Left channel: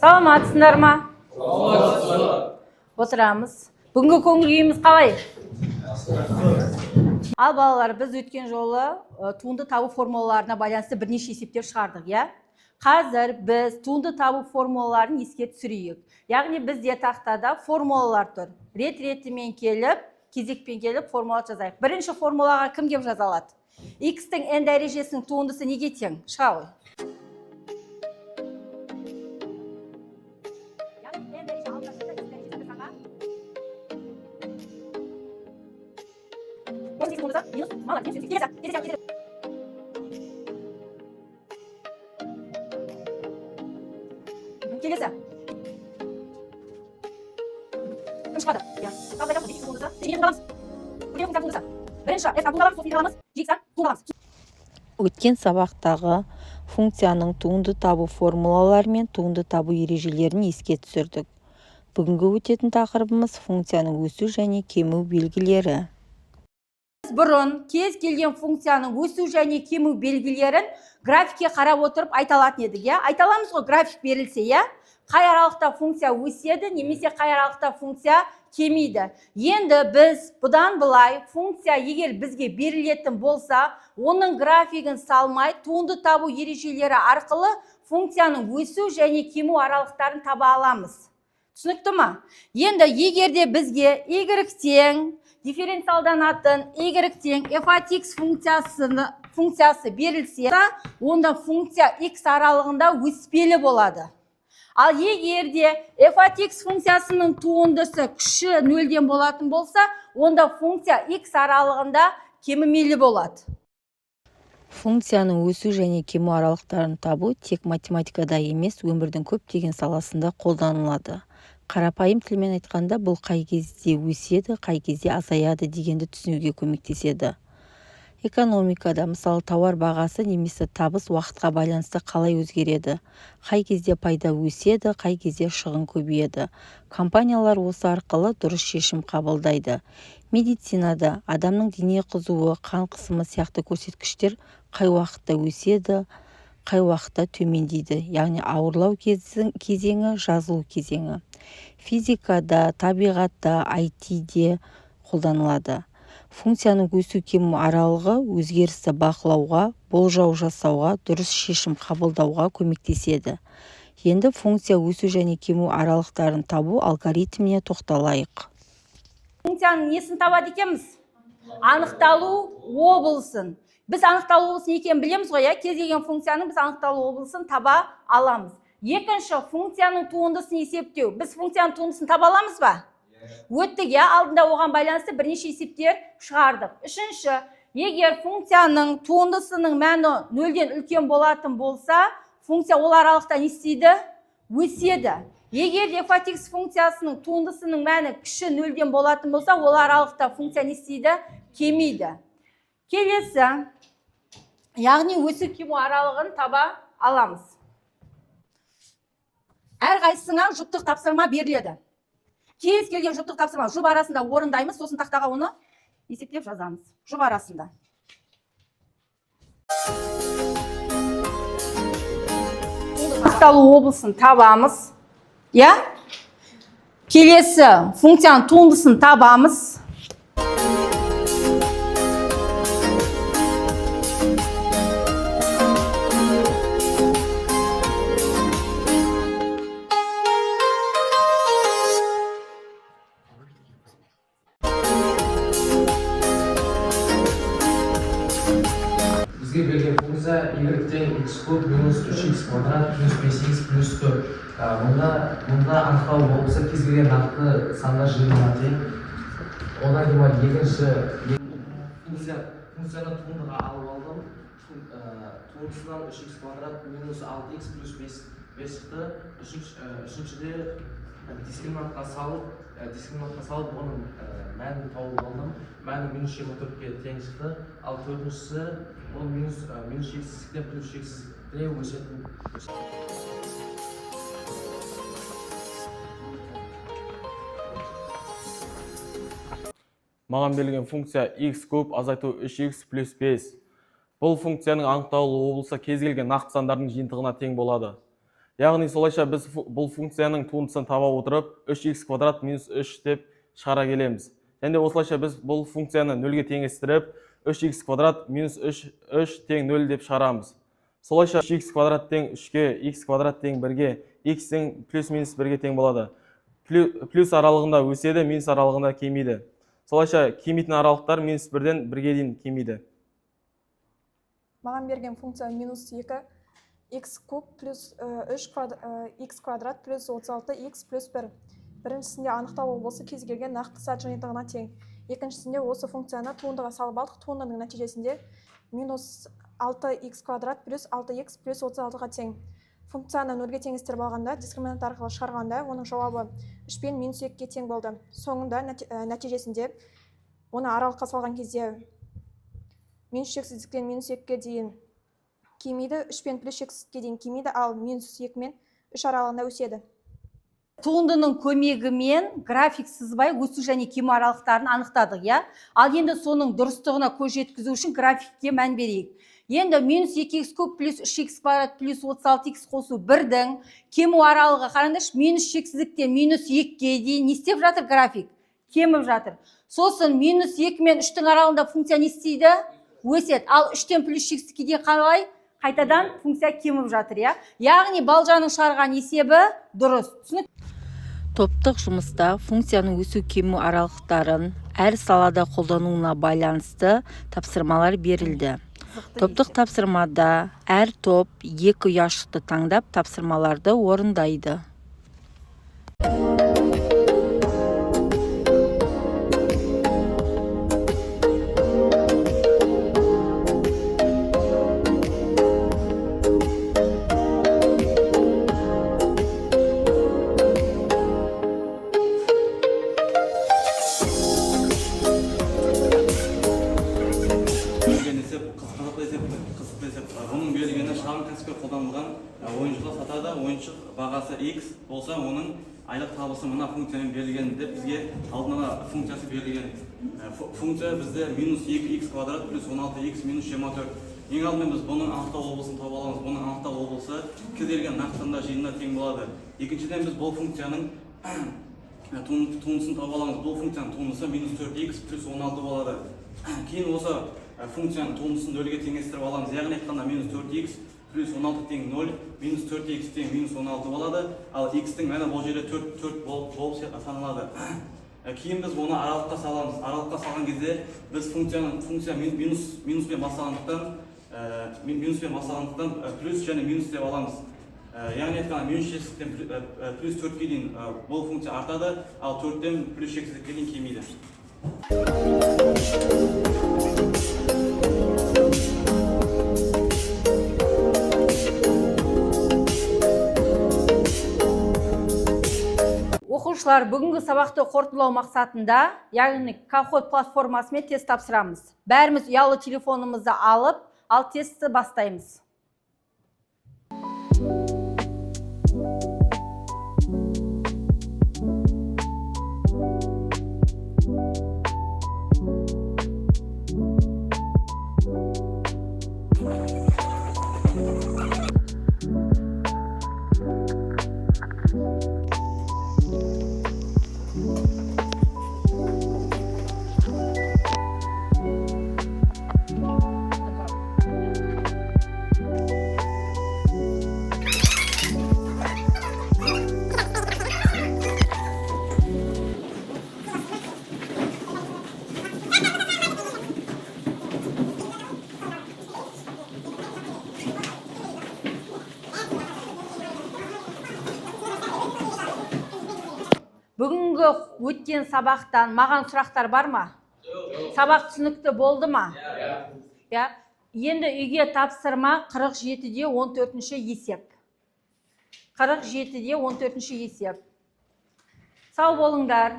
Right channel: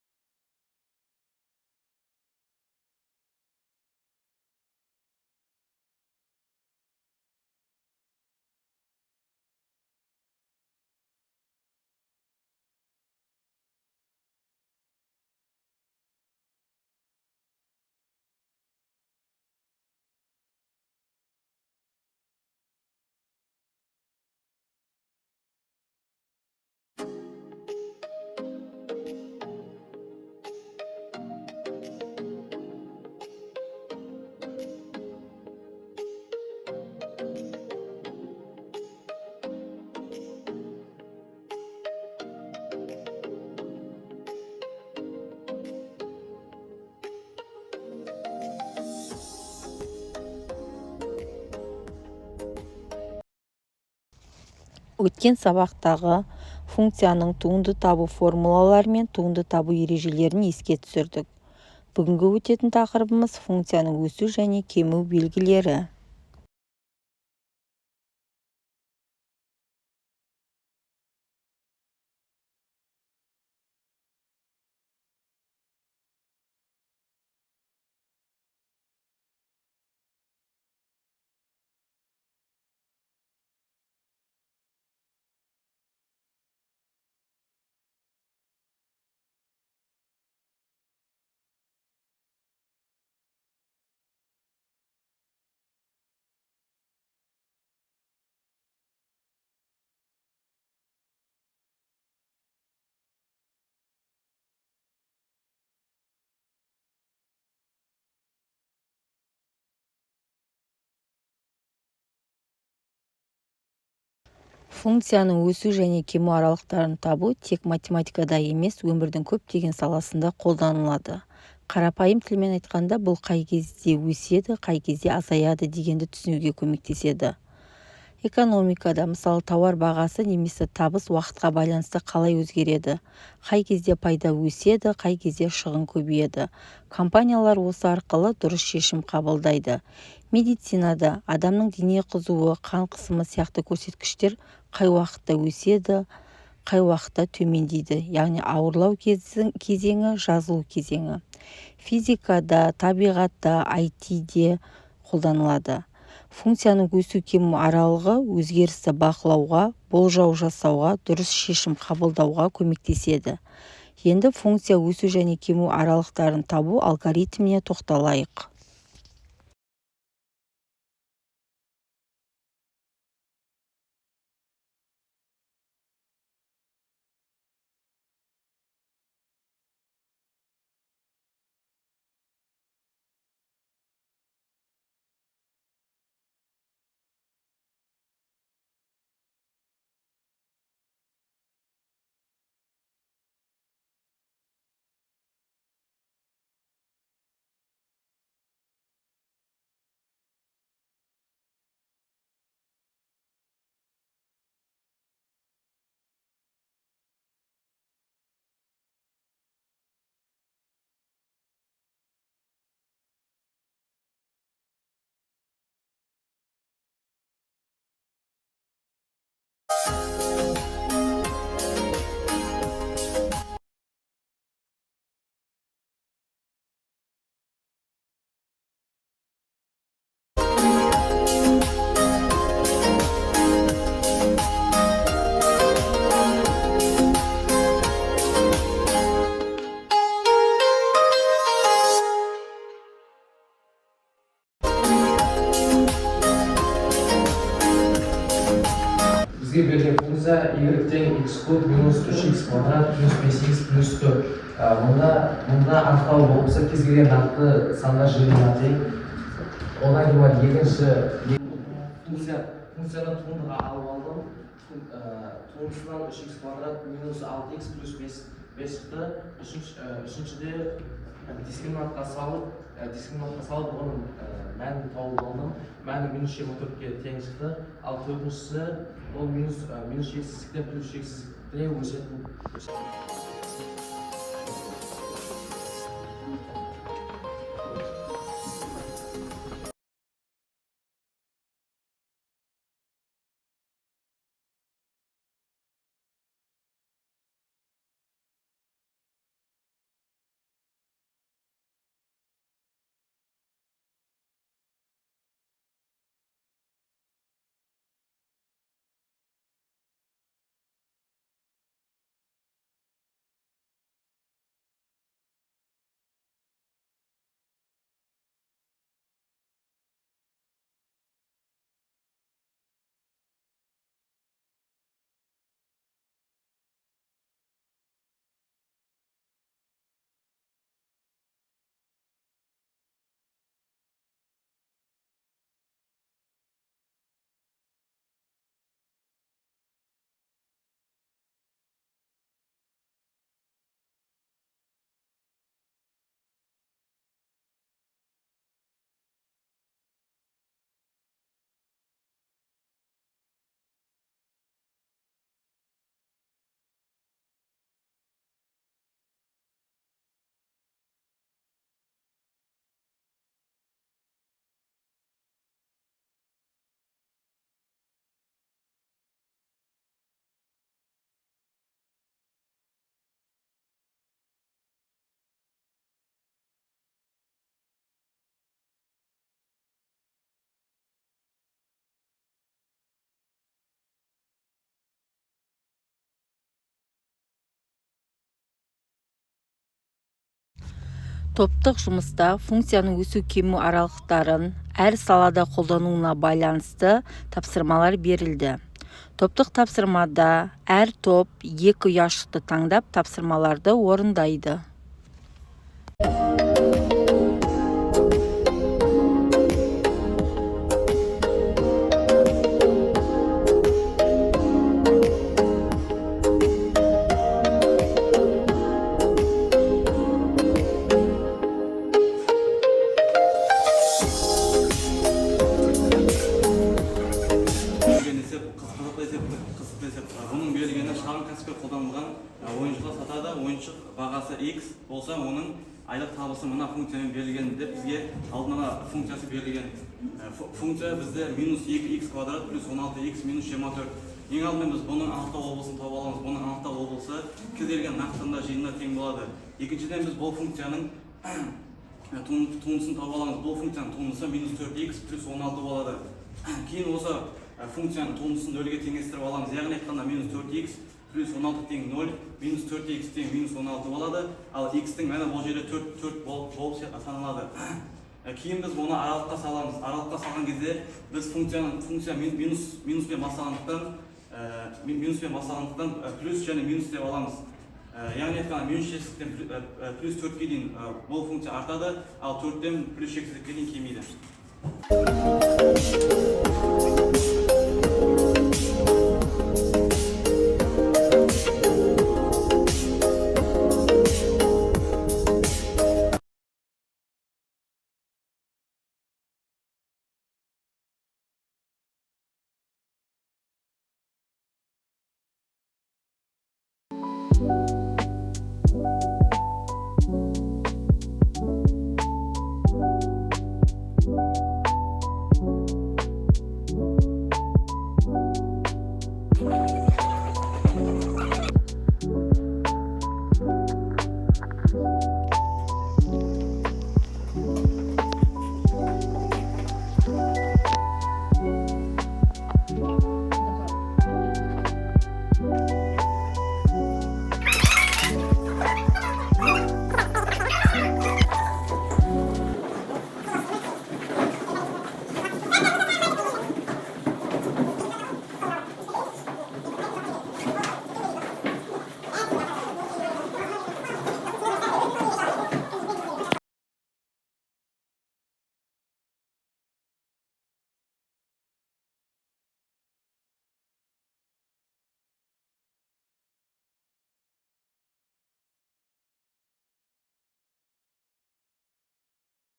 Саламатсыздар ма? Отырамыз. Бүгінгі көңіл күйіміз қалай? Ал балалар, біз өткен жолы туынды табу формулаларына байланысты бірнеше есептер шығардық, я? Қазір біз туынды табу формулаларын еске түсірейік. Яғни бізде тақтада формулалар тұр. Рет-ретімен келіп, кезекпен келіп формула жазайық. Бірінші формулаға кім кеп жаза алады? X-тің n дәрежесінің туындысы неге тең? Шыға ғой. Келесі. Кім шығады? Өткен сабақтағы функцияның туынды табу формулалары мен туынды табу ережелерін еске түсірдік. Бүгінгі өтетін тақырыбымыз функцияның өсу және кему белгілері. Бұрын кез келген функцияның өсу және кему белгілерін графикке қарап отырып айта алатын едік, я? Айта аламыз ғой, график берілсе, я? Қай аралықта функция өседі, немесе қай аралықта функция кемейді. Енді біз бұдан былай функция егер бізге берілетін болса, оның графигін салмай, туынды табу ережелері арқылы функцияның өсу және кему аралықтарын таба аламыз. Түсінікті ма? Енді егерде бізге y-тең дифференциалданатын y-тең f от x функциясы берілсе, онда функция x аралығында өспелі болады. Ал егерде f от x функциясының туындысы кіші нөлден болатын болса, онда функция x аралығында кемімелі болады. Функцияның өсу және кему аралықтарын табу тек математикада емес, өмірдің көптеген саласында қолданылады. Қарапайым тілмен айтқанда, бұл қай кезде өседі, қай кезде азаяды дегенді түсінуге көмектеседі. Экономикада, мысалы, тауар бағасы немесе табыс уақытқа байланысты қалай өзгереді, қай кезде пайда өседі, қай кезде шығын көбейеді. Компаниялар осы арқылы дұрыс шешім қабылдайды. Медицинада адамның дене қызуы, қан қысымы сияқты көрсеткіштер қай уақытта өседі, қай уақытта төмендейді, яғни ауырлау кезеңі, жазылу кезеңі. Физикада, табиғатта, IT-де қолданылады. Функцияның өсу кему аралығы өзгерісті бақылауға, болжау жасауға, дұрыс шешім қабылдауға көмектеседі. Енді функция өсу және кему аралықтарын табу алгоритміне тоқталайық. Функцияның несін табады екенбіз? Анықталу облысын. Біз анықталу облысын екенін білеміз ғой, кез келген функцияның біз анықталу облысын таба аламыз. Екінші, функцияның туындысын есептеу. Біз функцияның туындысын таба аламыз ба? Өттік, алдында оған байланысты бірнеше есептер шығардық. Үшінші, егер функцияның туындысының мәні нөлден үлкен болатын болса, функция ол аралықта не істейді? Өседі. Егер f от x функциясының туындысының мәні кіші нөлден болатын болса, ол аралықта функция не істейді? Кемейді. Келесі, яғни өсу кему аралығын таба аламыз. Әрқайсысыңа жұптық тапсырма беріледі. Кез келген жұптық тапсырма жұп арасында орындаймыз, сосын тақтаға оны есептеп жазамыз. Жұп арасында. Анықталу облысын табамыз. Я? Келесі функцияның туындысын табамыз. Бізге берген функция y-тең x куб минус 3x квадрат плюс 5x плюс 4. Мұнда анықталу болса кез келген нақты сандар жиынына тең. Одан кейін екінші функцияны туындыға алып алдым. Туындысынан 3x квадрат минус 6x плюс 5 шықты. Үшіншіде дискриминантқа салып оның мәнін тауып алдым. Мәні минус 24-ке тең шықты. Ал төртіншісі ол минус шексіздіктен плюс шексіздікте өсетін. Маған берілген функция x куб азайту 3x плюс 5. Бұл функцияның анықталу облысы кез келген нақты сандардың жиынтығына тең болады. яғни солайша біз бұл функцияның туындысын таба отырып 3x квадрат минус 3 деп шығара келеміз. Және осылайша біз бұл функцияны нөлге теңестіріп 3x квадрат минус 3 тең 0 деп шығарамыз. Солайша 3x квадрат тең 3-ге, x квадрат тең 1-ге, x тең плюс-минус 1-ге тең болады. Плюс аралығында өседі, минус аралығында кемейді. Солайша кемейтін аралықтар минус 1-ден 1-ге дейін кемейді. Маған берген функция минус 2 x куб плюс 3 x квадрат плюс 36 x плюс 1. Біріншісінде анықтау болса кез келген нақты сат жиынтығына тең. Екіншісінде осы функцияны туындыға салып алдық. Туындының нәтижесінде минус 6x квадрат плюс 6x плюс 36-ға тең. Функцияны нөлге теңестіріп алғанда, дискриминант арқылы шығарғанда, оның жауабы 3 пен минус 2-ге тең болды. Соңында нәтижесінде оны аралыққа салған кезде минус шексіздіктен минус 2-ге дейін кемейді, 3 пен плюс шексіздікке дейін кемейді, ал минус 2 мен 3 аралығында өседі. Туындының көмегімен график сызбай өсу және кему аралықтарын анықтадық, я? Ал енді соның дұрыстығына көз жеткізу үшін графикке мән берейік. Енді минус 2x куб плюс 3x квадрат плюс 36x қосу 1-дің кему аралығы қараңдаршы, минус шексіздіктен минус 2-ге дейін не істеп жатыр график? Кеміп жатыр. Сосын минус 2 мен 3-дің аралығында функция не істейді? Өседі. Ал 3-тен плюс шексіздікке дейін қалай? Қайтадан функция кеміп жатыр, я? Яғни балжаның шығарған есебі дұрыс. Топтық жұмыста функцияның өсу кему аралықтарын әр салада қолдануына байланысты тапсырмалар берілді. Топтық тапсырмада әр топ 2 ұяшықты таңдап тапсырмаларды орындайды. Оның берілгені шағын кәсіпке қолданылған ойыншықты сатады. Ойыншық бағасы x болса, оның айлық табысы мына функциямен берілген деп бізге алдын ала функциясы берілген. Функция бізде минус 2x квадрат плюс 16x минус 24. Ең алдымен біз бұның анықтау облысын таба аламыз. Бұның анықтау облысы кез келген нақтында жиынына тең болады. Екіншіден біз бұл функцияның туындысын таба аламыз. Бұл функцияның туындысы минус 4x плюс 16 болады. Кейін осы функцияның туындысын нөлге теңестіріп аламыз. Яғни айтқанда минус 4x плюс 16 тең 0, минус 4x тең минус 16 болады. Ал x-тің мәні бұл жерде 4 болып саналады. Кейін біз оны аралыққа саламыз. Аралыққа салған кезде біз функция минуспен басталғандықтан плюс және минус деп аламыз. Яғни айтқанда минус шексіздіктен плюс 4-ге дейін бұл функция артады, ал 4-тен плюс шексіздікке дейін кемейді. Оқушылар, бүгінгі сабақты қорытындылау мақсатында, яғни Kahoot платформасымен тест тапсырамыз. Бәріміз ұялы телефонымызды алып, ал тестті бастаймыз. Бүгінгі өткен сабақтан маған сұрақтар бар ма? Сабақ түсінікті болды ма? Енді үйге тапсырма 47-де 14-ші есеп. 47-де 14-ші есеп. Сау болыңдар.